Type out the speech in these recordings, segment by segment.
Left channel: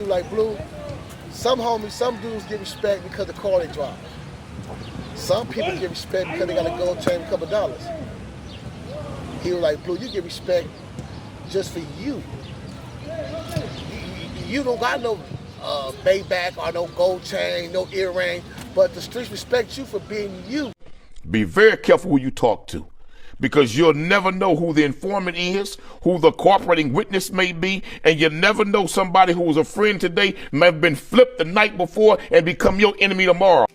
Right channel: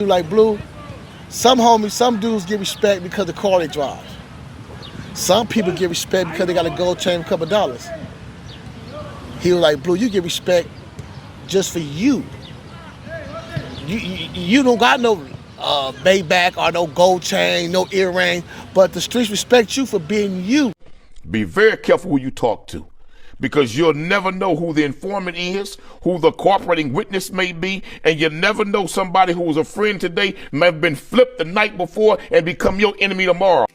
Like Blue, some homies, some dudes get respect because of the car they drive. Some people get respect because they got a gold chain, a couple of dollars. He was like, Blue, you get respect just for you. You don't got no Maybach or no gold chain, no earring, but the streets respect you for being you. Be very careful who you talk to, because you'll never know who the informant is, who the cooperating witness may be, and you'll never know somebody who was a friend today may have been flipped the night before and become your enemy tomorrow.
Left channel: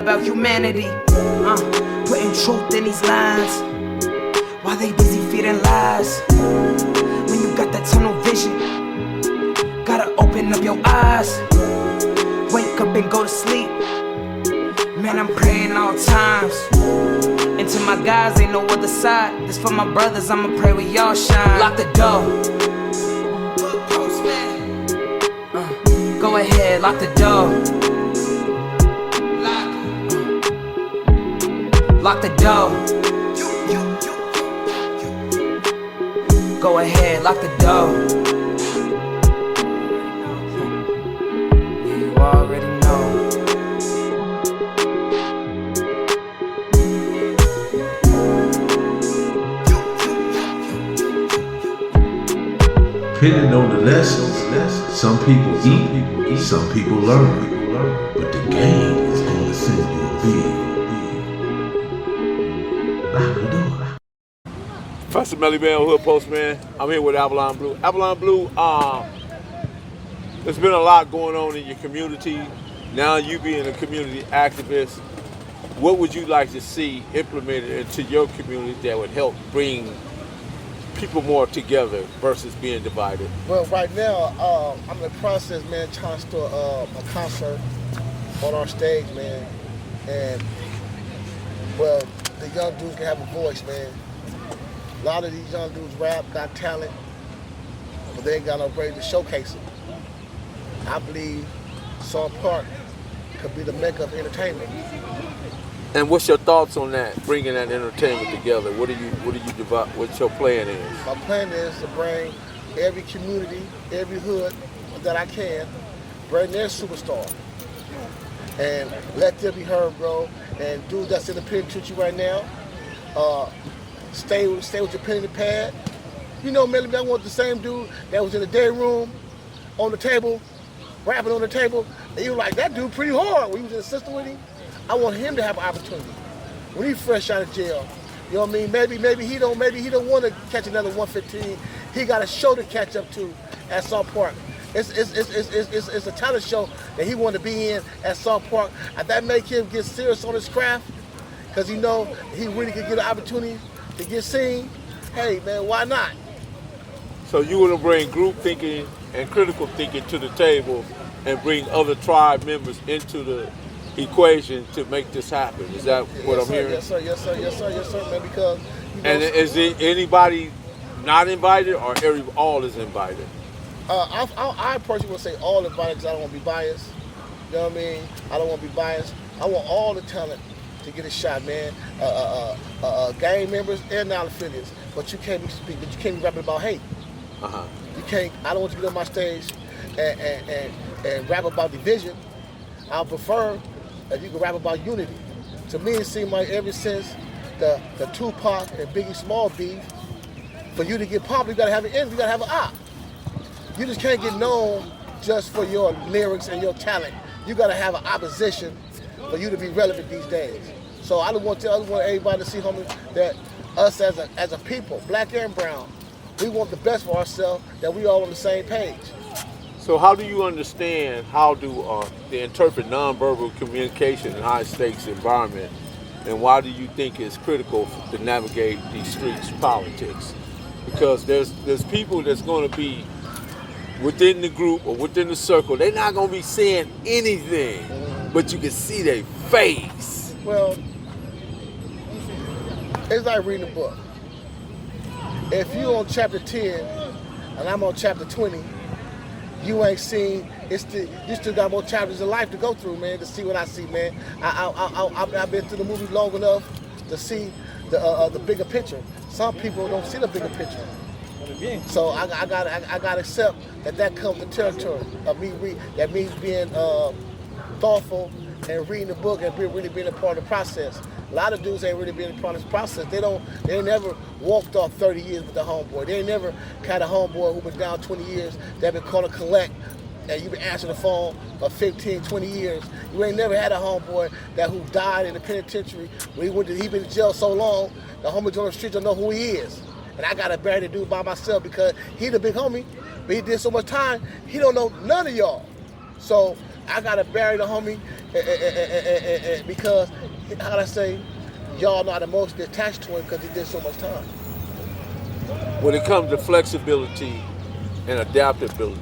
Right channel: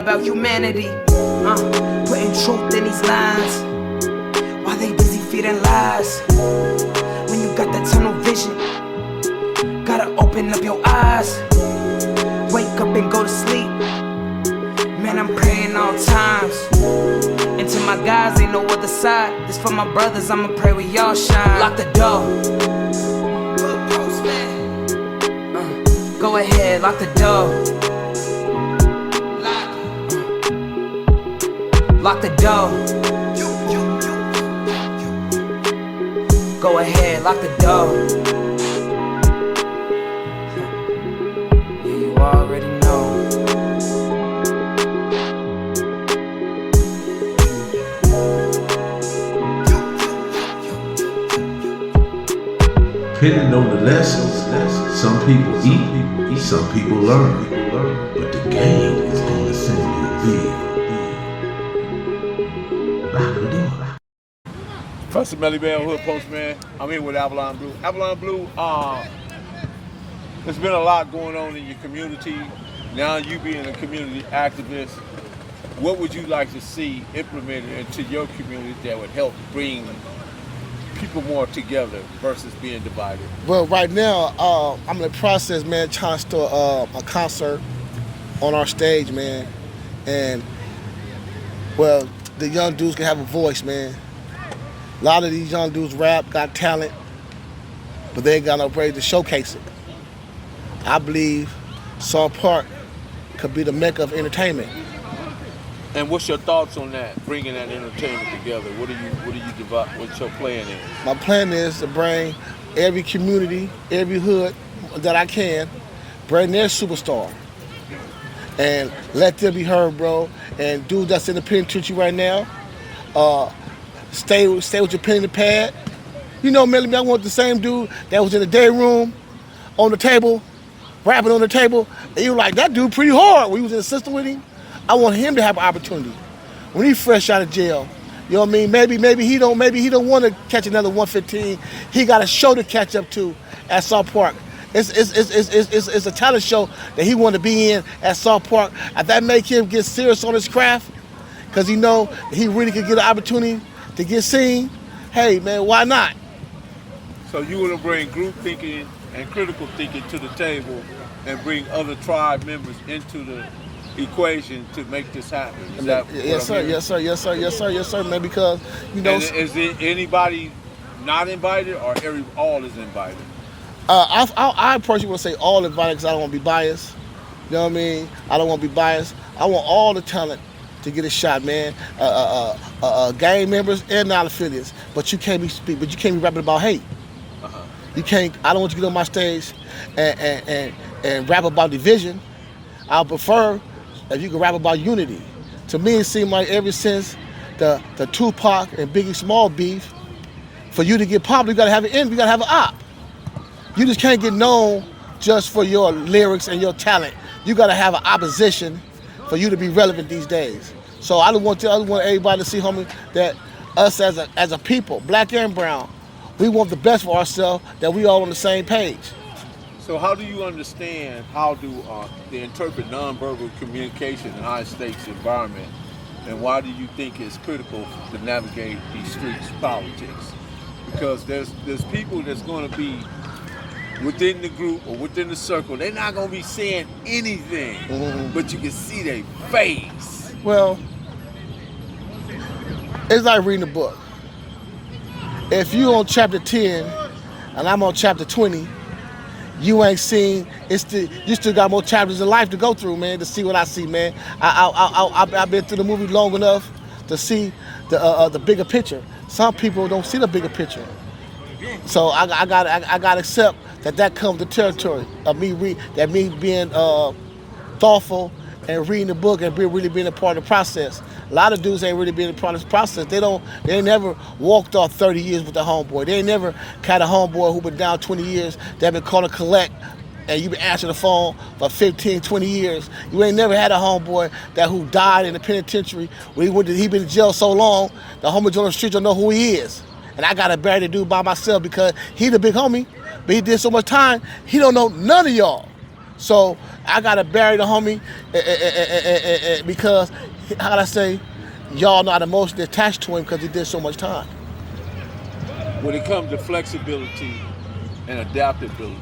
About humanity, putting truth in these lines, while they busy feeding lies. When you got that tunnel vision, gotta open up your eyes. Wake up and go to sleep. Man, I'm praying all times. And to my guys, ain't no other side. This for my brothers, I'ma pray we all shine. Lock the door. Go ahead, lock the door. Lock the door. Go ahead, lock the door. Yeah, you already know. Depending on the lessons, some people eat, some people learn. But the game is gonna send you a bill. Professor Melly Man, Dahoodpostman. I'm here with Avalon Blue. Avalon Blue, there's been a lot going on in your community. Now you being a community activist, what would you like to see implemented into your community that would help bring people more together versus being divided? Well, right now, I'm in the process, man, trying to start a concert on our stage, man. And, well, the young dudes can have a voice, man. A lot of these young dudes rap, got talent, but they ain't got no way to showcase it. I believe Salt Park could be the mecca of entertainment. And what's your thoughts on that, bringing that entertainment together? What's your plan is? My plan is to bring every community, every hood that I can, bring their superstar and let them be heard, bro. And dude that's in the penitentiary right now, stay with your pen and the pad. You know, Melly, I want the same dude that was in the day room, on the table, rapping on the table, and you like, that dude pretty hard when he was in the system with him. I want him to have an opportunity. When he's fresh out of jail, you know what I mean? Maybe he don't want to catch another 115. He got a show to catch up to at Salt Park. It's a talent show that he want to be in at Salt Park. If that make him get serious on his craft, because he know he really could get an opportunity to get seen, hey man, why not? So you want to bring group thinking and critical thinking to the table and bring other tribe members into the equation to make this happen. Is that what I'm hearing? Yes, sir, man, because, you know. And is there anybody not invited or all is invited? I personally want to say all invited because I don't want to be biased. You know what I mean? I don't want to be biased. I want all the talent to get a shot, man. Gang members and non-affiliates. But you can't be rapping about hate. You can't. I don't want you to get on my stage and rap about division. I prefer if you can rap about unity. To me, it seemed like ever since the Tupac and Biggie Small beef, for you to get popular, you gotta have an end. You gotta have an op. You just can't get known just for your lyrics and your talent. You gotta have an opposition for you to be relevant these days. So I just want everybody to see, homie, that us as a people, black and brown, we want the best for ourselves, that we all on the same page. So how do you understand, how do they interpret nonverbal communication in high stakes environment and why do you think it's critical to navigate these streets politics? Because there's people that's going to be within the group or within the circle. They're not going to be saying anything, but you can see their face. Well, it's like reading a book. If you on chapter 10 and I'm on chapter 20, you ain't seen, you still got more chapters of life to go through, man, to see what I see, man. I've been through the movie long enough to see the bigger picture. Some people don't see the bigger picture. So I gotta accept that comes the territory of me that means being thoughtful and reading the book and really being a part of the process. A lot of dudes ain't really been a part of this process. They ain't never walked off 30 years with a homeboy. They ain't never had a homeboy who been down 20 years that been called to collect and you been answering the phone for 15, 20 years. You ain't never had a homeboy who died in the penitentiary. He been in jail so long, the homies on the street don't know who he is. And I gotta bury the dude by myself because he the big homie, but he did so much time, he don't know none of y'all. So I gotta bury the homie because, how can I say, y'all not emotionally attached to him because he did so much time. When it comes to flexibility and adaptability,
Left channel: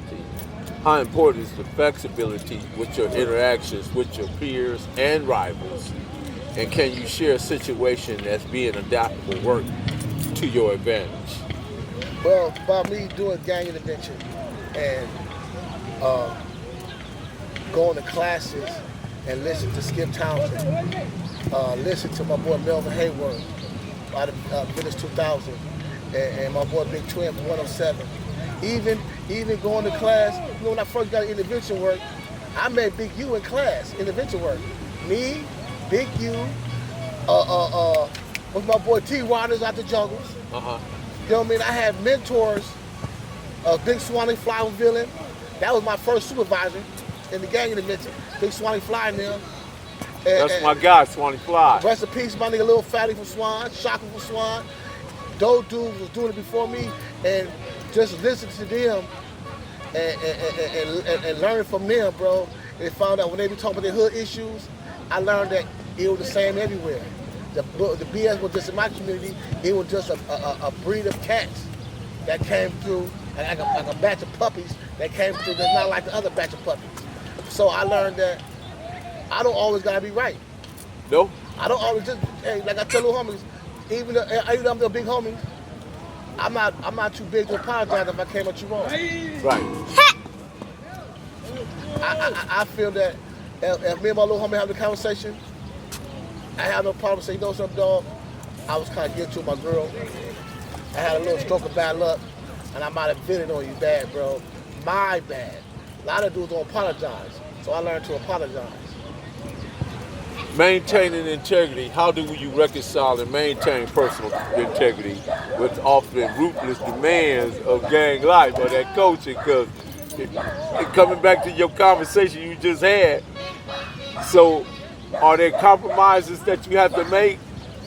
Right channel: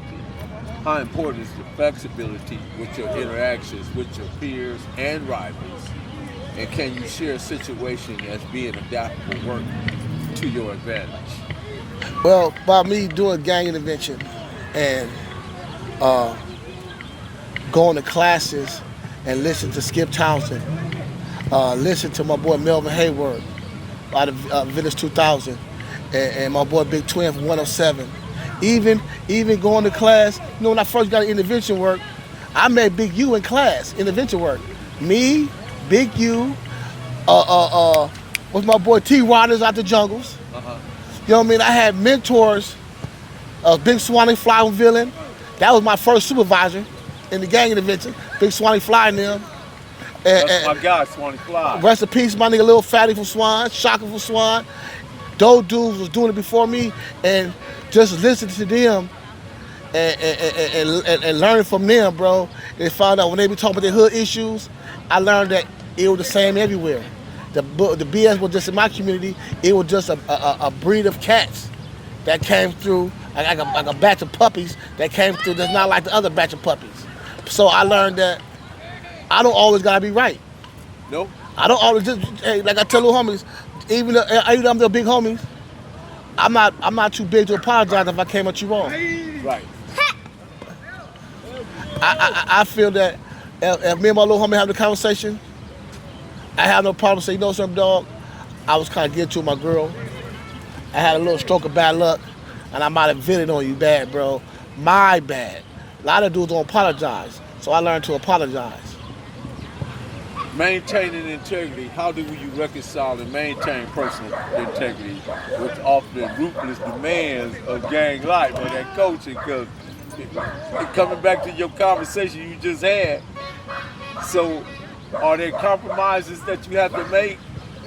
how important is the flexibility with your interactions with your peers and rivals? And can you share a situation that's being adaptable work to your advantage? Well, by me doing gang intervention and going to classes and listening to Skip Townsend, listen to my boy Melvin Hayward out of Village 2000, and my boy Big Twin from 107. Even going to class, you know, when I first got into intervention work, I met Big U in class, intervention work. Me, Big U, with my boy T. Rodgers out the jungles. You know what I mean? I had mentors, Big Swanee Fly from Villain. That was my first supervisor in the gang intervention. Big Swanee Fly and them. That's my guy, Swanee Fly. Rest in peace, my nigga Lil Fatty from Swan, Shaka from Swan. Those dudes was doing it before me, and just listening to them and learning from them, bro. They found out when they be talking about their hood issues, I learned that it was the same everywhere. The BS was just in my community, it was just a breed of cats that came through, like a batch of puppies that came through that's not like the other batch of puppies. So I learned that I don't always gotta be right. No? I don't always just, hey, like I tell little homies, even though I'm the big homies, I'm not too big to apologize if I came at you wrong. Right. I feel that if me and my little homie have the conversation, I have no problem saying, you know something, dog? I was kind of getting to my girl. I had a little stroke of bad luck, and I might have vented on you bad, bro. My bad. A lot of dudes don't apologize, so I learned to apologize. Maintaining integrity, how do you reconcile and maintain personal integrity with often ruthless demands of gang life or that coaching? Because coming back to your conversation you just had, so are there compromises that you have to make?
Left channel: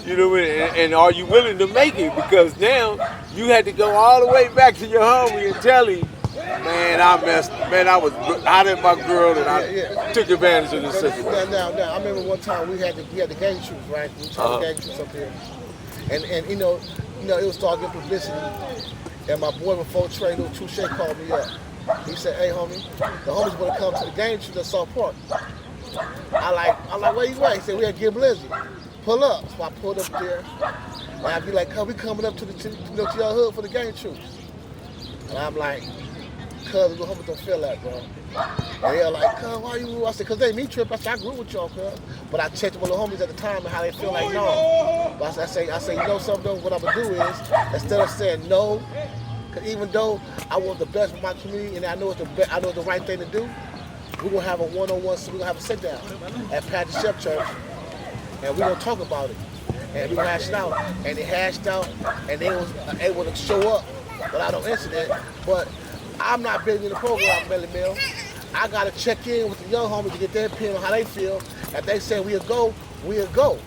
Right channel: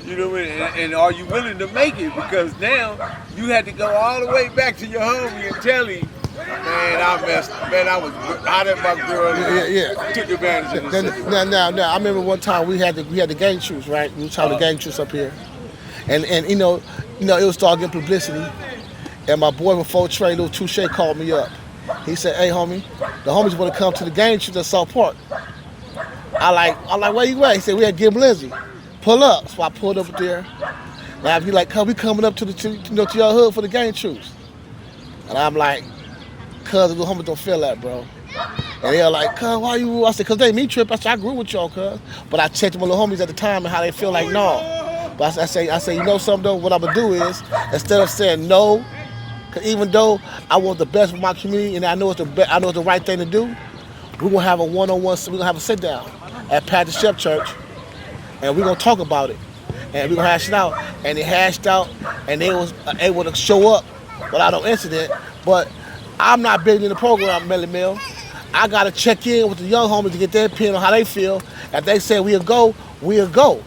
You know what I mean? And are you willing to make it? Because now you had to go all the way back to your homie and tell him, man, I messed up. Man, I did my girl. I took advantage of the Now, I remember one time we had the gang truce, right? We tried the gang truce up here, and you know, it was starting getting publicity. And my boy before Trey, little Touche, called me up. He said, "Hey, homie, the homies want to come to the gang truce at South Park." I like, where you at? He said, "We at Gib Lindsay. Pull up." So I pulled up there. And I'd be like, we coming up to your hood for the gang truce. And I'm like, cuz the homies don't feel that, bro. And they're like, cuz, why you? I said, cuz they me trip. I said, I grew with y'all, cuz. But I checked with my little homies at the time and how they feel like, no. But I say, you know something though? What I'm gonna do is, instead of saying no, cause even though I want the best for my community and I know it's the right thing to do, we're gonna have a one-on-one, we're gonna have a sit down at Pat the Chef Church, and we're gonna talk about it. And we're gonna hash it out. And they hashed out, and they was able to show up without no incident. But I'm not big in the program, Melly Mill. I gotta check in with the young homies to get their opinion on how they feel. If they say we'll go, we'll go.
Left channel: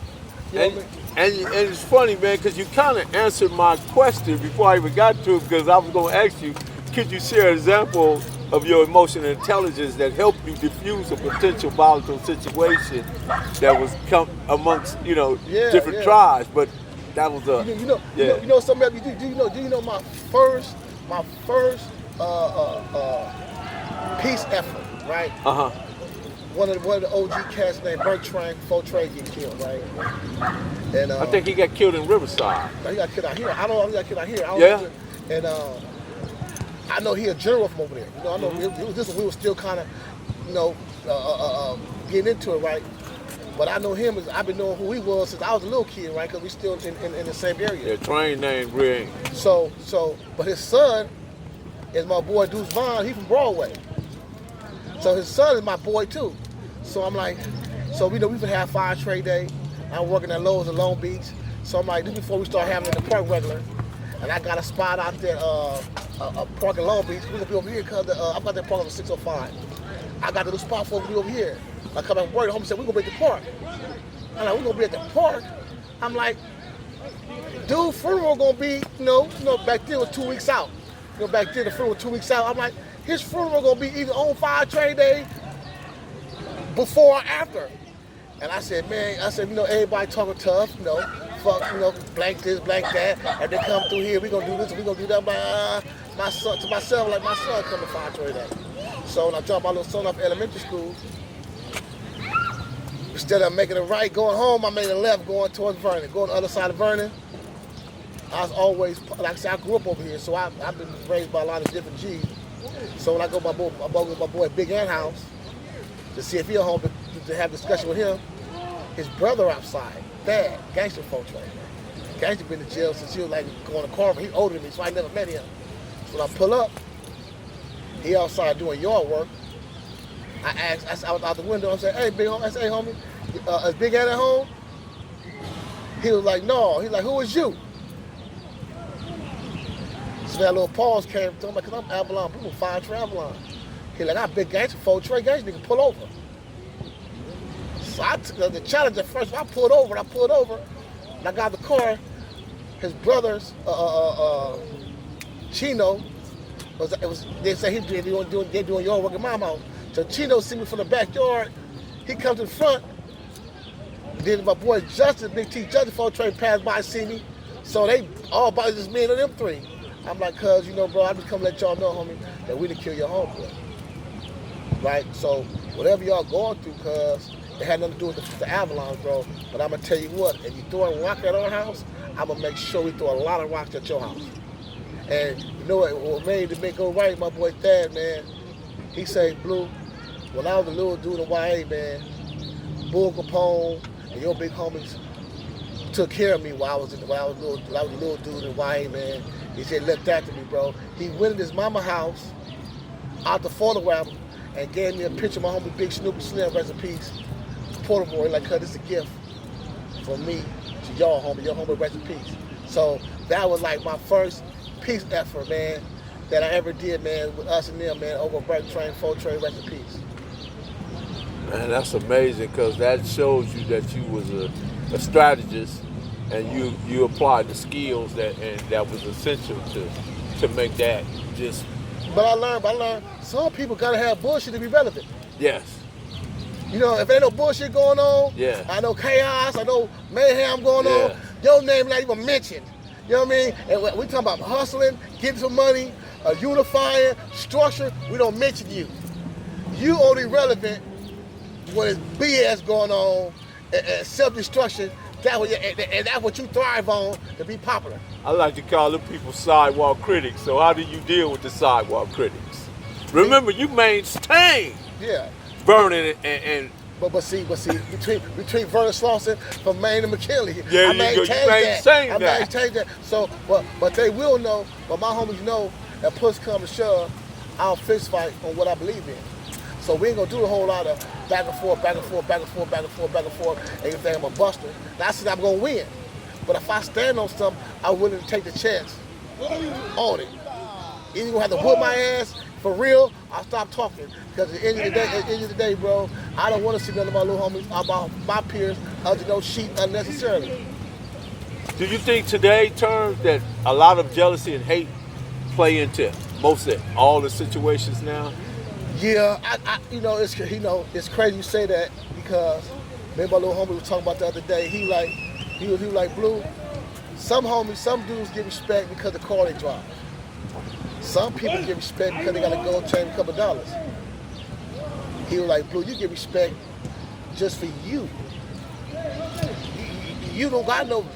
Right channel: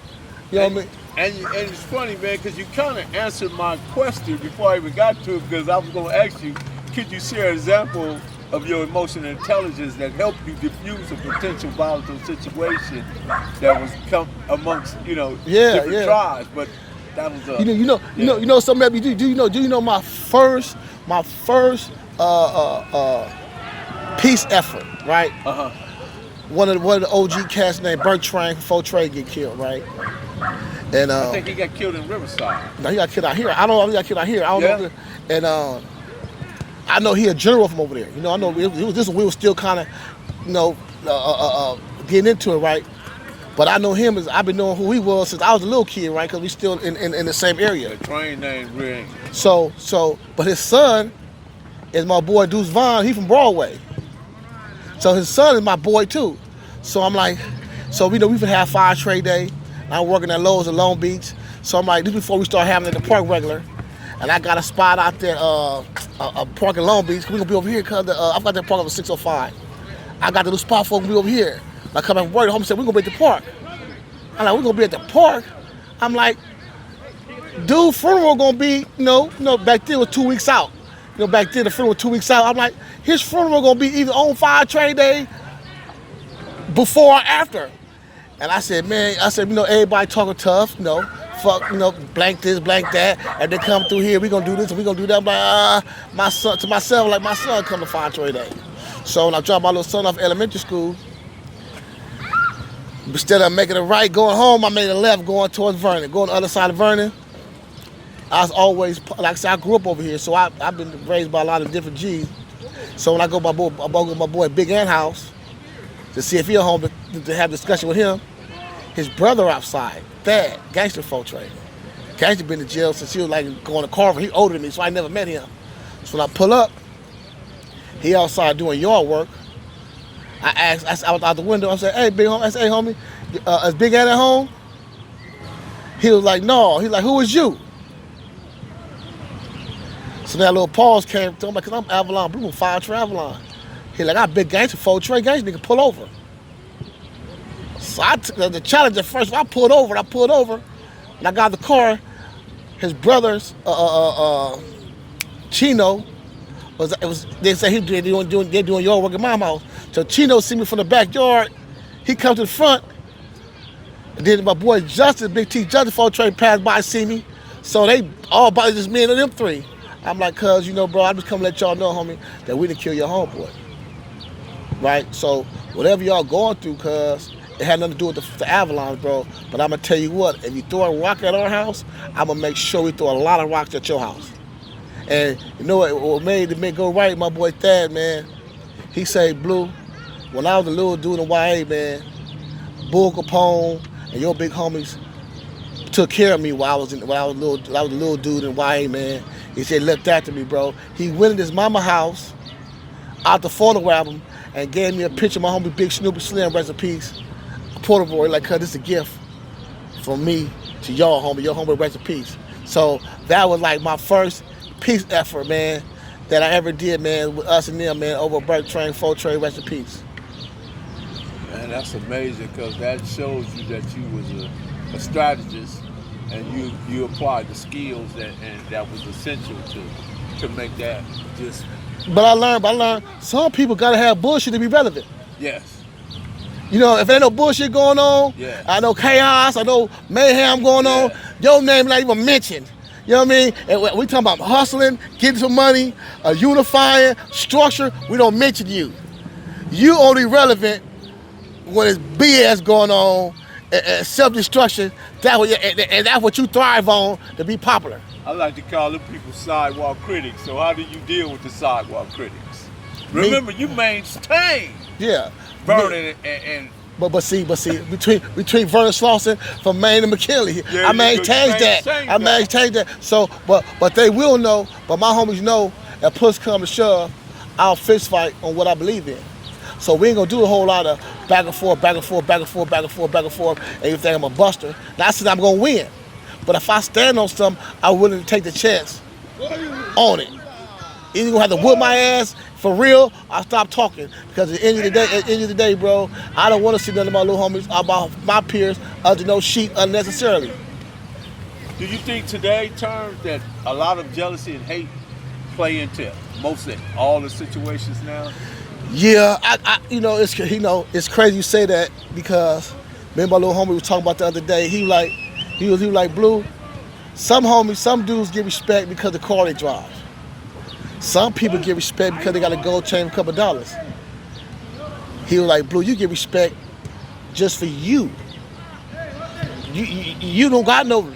You know what I mean? And it's funny, man, because you kind of answered my question before I even got to it, because I was going to ask you, could you share an example of your emotional intelligence that helped you diffuse a potential volatile situation that was come amongst different tribes. But that was a you know something else. Do you know my first peace effort, right? One of the OG cats named Bertrand Fautré get killed, right? And I think he got killed in Riverside. No, he got killed out here. I don't know. He got killed out here. I don't know. And I know he a general from over there. You know, I know we were still kind of, getting into it, right? But I know him I've been knowing who he was since I was a little kid, right? Because we still in the same area. The train name Green. So, but his son is my boy Deuce Vaughn. He from Broadway. So his son is my boy too. So I'm like, we've been have fire trade day. I'm working at Lowe's in Long Beach. So I'm like, this before we start having it in the park regular. And I got a spot out there, a park in Long Beach. We're gonna be over here because I've got that park on 605. I got the little spot for me over here. I come back from work, the homie said, we're gonna be at the park. I'm like, we're gonna be at the park? I'm like, dude, funeral gonna be, back then it was 2 weeks out. Back then the funeral was 2 weeks out. I'm like, his funeral gonna be either on fire trade day, before or after. And I said, everybody talking tough, fuck, blank this, blank that, and they come through here, we gonna do this, and we gonna do that. I'm like, my son come to fire trade day. So when I dropped my little son off elementary school, instead of making a right going home, I made a left going towards Vernon, going the other side of Vernon. I was always, like I said, I grew up over here, so I've been raised by a lot of different G's. So when I go to my boy Big Ant house to see if he's home to have a discussion with him, his brother outside, Thad, Gangster Fautré. Gangster been in jail since he was like going to Carver. He older than me, so I never met him. So when I pull up, he outside doing yard work. I was out the window. I said, hey, big homie. I said, hey, homie, is Big Ant at home? He was like, no. He's like, who is you? So that little pause came to him, like, cause I'm Avalon, Blue, fire to Avalon. He like, I big Gangster Fautré, Gangster nigga, pull over. So I took the challenge at first. I pulled over, and I got the car. His brother's Chino they say they're doing yard work at my house. So Chino see me from the backyard. He comes to the front. And then my boy Justice, Big T Justice Fautré passed by and see me. So they all about just me and them three. I'm like, cuz, bro, I just come to let y'all know, homie, that we didn't kill your homeboy. Right? So whatever y'all going through, cuz, it had nothing to do with the Avalon, bro. But I'm going to tell you what, if you throw a rock at our house, I'm going to make sure we throw a lot of rocks at your house. And you know what made it go right, my boy Thad, man? He say, Blue, when I was a little dude in YA, man, Bull Capone and your big homies took care of me while I was a little dude in YA, man. He said, looked after me, bro. He went in his mama house, out to photograph him, and gave me a picture of my homie Big Snoopy Slim, rest in peace. Portable, like, cuz this is a gift from me to y'all, homie. Your homie, rest in peace. So that was like my first peace effort, man, that I ever did, man, with us and them, man, over Bertrand Fautré, rest in peace. Man, that's amazing, because that shows you that you was a strategist, and you applied the skills that was essential to make that just. But I learned some people gotta have bullshit to be relevant. Yes. If ain't no bullshit going on, I know chaos, I know mayhem going on, your name not even mentioned. You know what I mean? And we talking about hustling, getting some money, unifying, structure, we don't mention you. You only relevant when it's BS going on and self-destruction, and that's what you thrive on to be popular. I like to call them people sidewalk critics. So how do you deal with the sidewalk critics? Remember, you maintain Vernon and But see, between Vernon Slauson from Maine and McKinley, I maintain that. So, but they will know, but my homies know, if push come to shove, I'll fist fight on what I believe in. So we ain't gonna do a whole lot of back and forth, and you think I'm a buster. Now I said I'm gonna win. But if I stand on something, I'm willing to take the chance on it. Either gonna have to whip my ass for real, I'll stop talking. Because at the end of the day, bro, I don't want to see none of my little homies about my peers under no sheet unnecessarily. Do you think today terms that a lot of jealousy and hate play into most of all the situations now? Yeah, it's crazy you say that because me and my little homie was talking about the other day. He was like, Blue, some dudes get respect because of the car they drive. Some people get respect because they got a gold chain, a couple dollars. He was like, Blue, you get respect just for you. You don't got no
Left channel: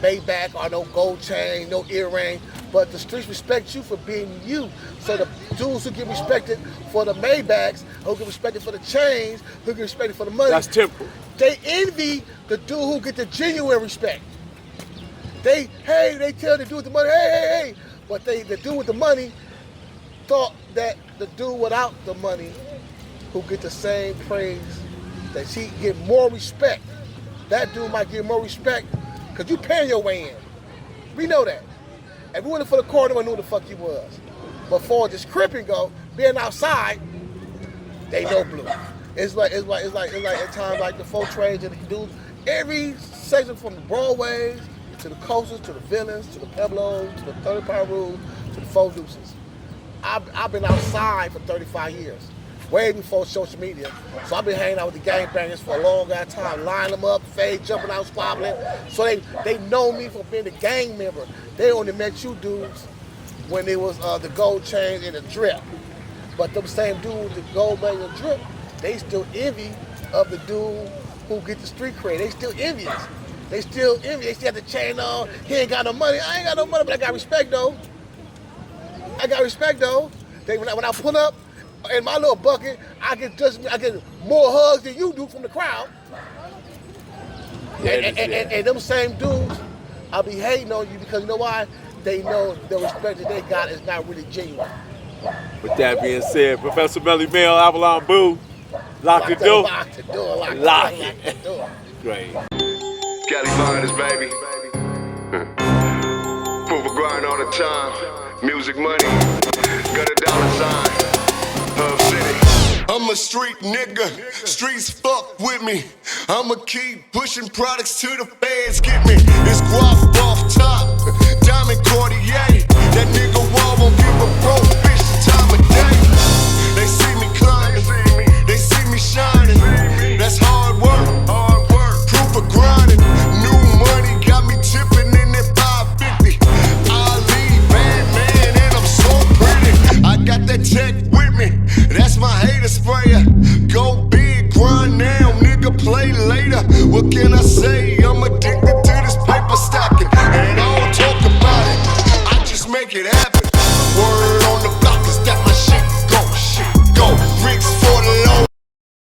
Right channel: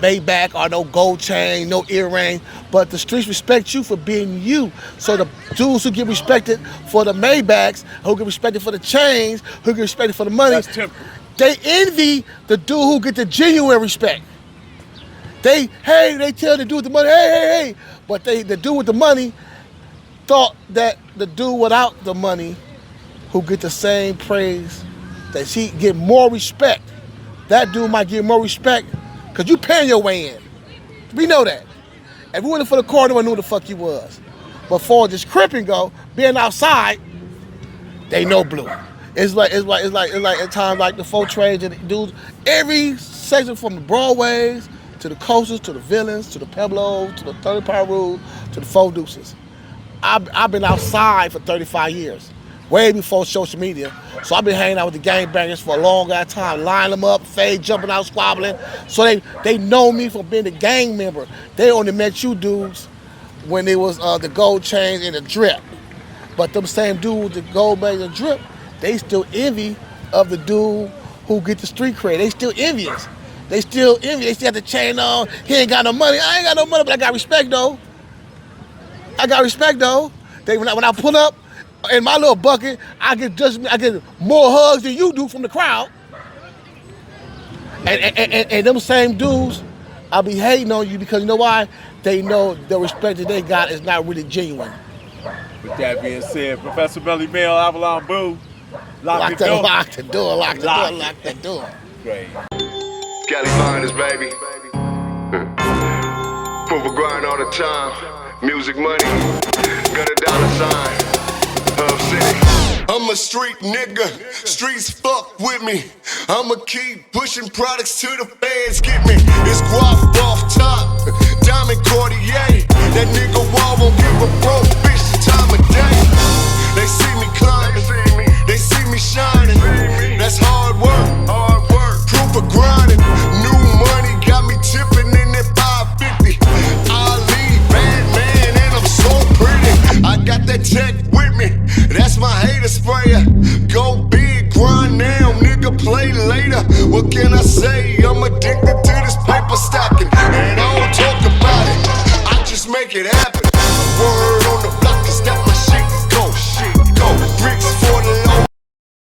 Maybach or no gold chain, no earring, but the streets respect you for being you. So the dudes who get respected for the Maybachs, who get respected for the chains, who get respected for the money, That's temporal. they envy the dude who get the genuine respect. They tell the dude with the money, hey. But the dude with the money thought that the dude without the money who get the same praise, that he get more respect. That dude might get more respect because you paying your way in. We know that. If we went for the car, no one knew who the fuck he was. But for this cripping go, being outside, they know Blue. It's like at times like the folk trades and the dudes, every section from the Broadways to the Coasters, to the Villains, to the Pueblos, to the 30 Power Rule, to the Four Deuces. I've been outside for 35 years, way before social media. So I've been hanging out with the gangbangers for a long ass time, lining them up, fade, jumping out, squabbling. So they know me for being a gang member. They only met you dudes when it was the gold chains and the drip. But them same dudes with the gold chains and drip, they still envy of the dude who get the street cred. They still envious. They still envy. They still have the chain on. He ain't got no money. I ain't got no money, but I got respect though. When I pull up in my little bucket, I get more hugs than you do from the crowd. And them same dudes, I'll be hating on you because you know why? They know the respect that they got is not really genuine. With that being said, Professor Belly Bell, Avalon Boo, lock the door. Lock the door. Great. Cali Miners, baby. Proof of grind all the time. Music money, got a dollar sign. Hub City. I'm a street nigga, streets fuck with me. I'ma keep pushing products till the feds get me. It's guap off top, diamond Cartier. That nigga wall won't give a broke bitch the time of day. They see me climbing, they see me shining. That's hard work, proof of grinding. New money got me tipping in that 550. Ali, bad man, and I'm so pretty. I got that tech with me, that's my hater sprayer. Go big, grind now, nigga, play later. What can I say? I'm addicted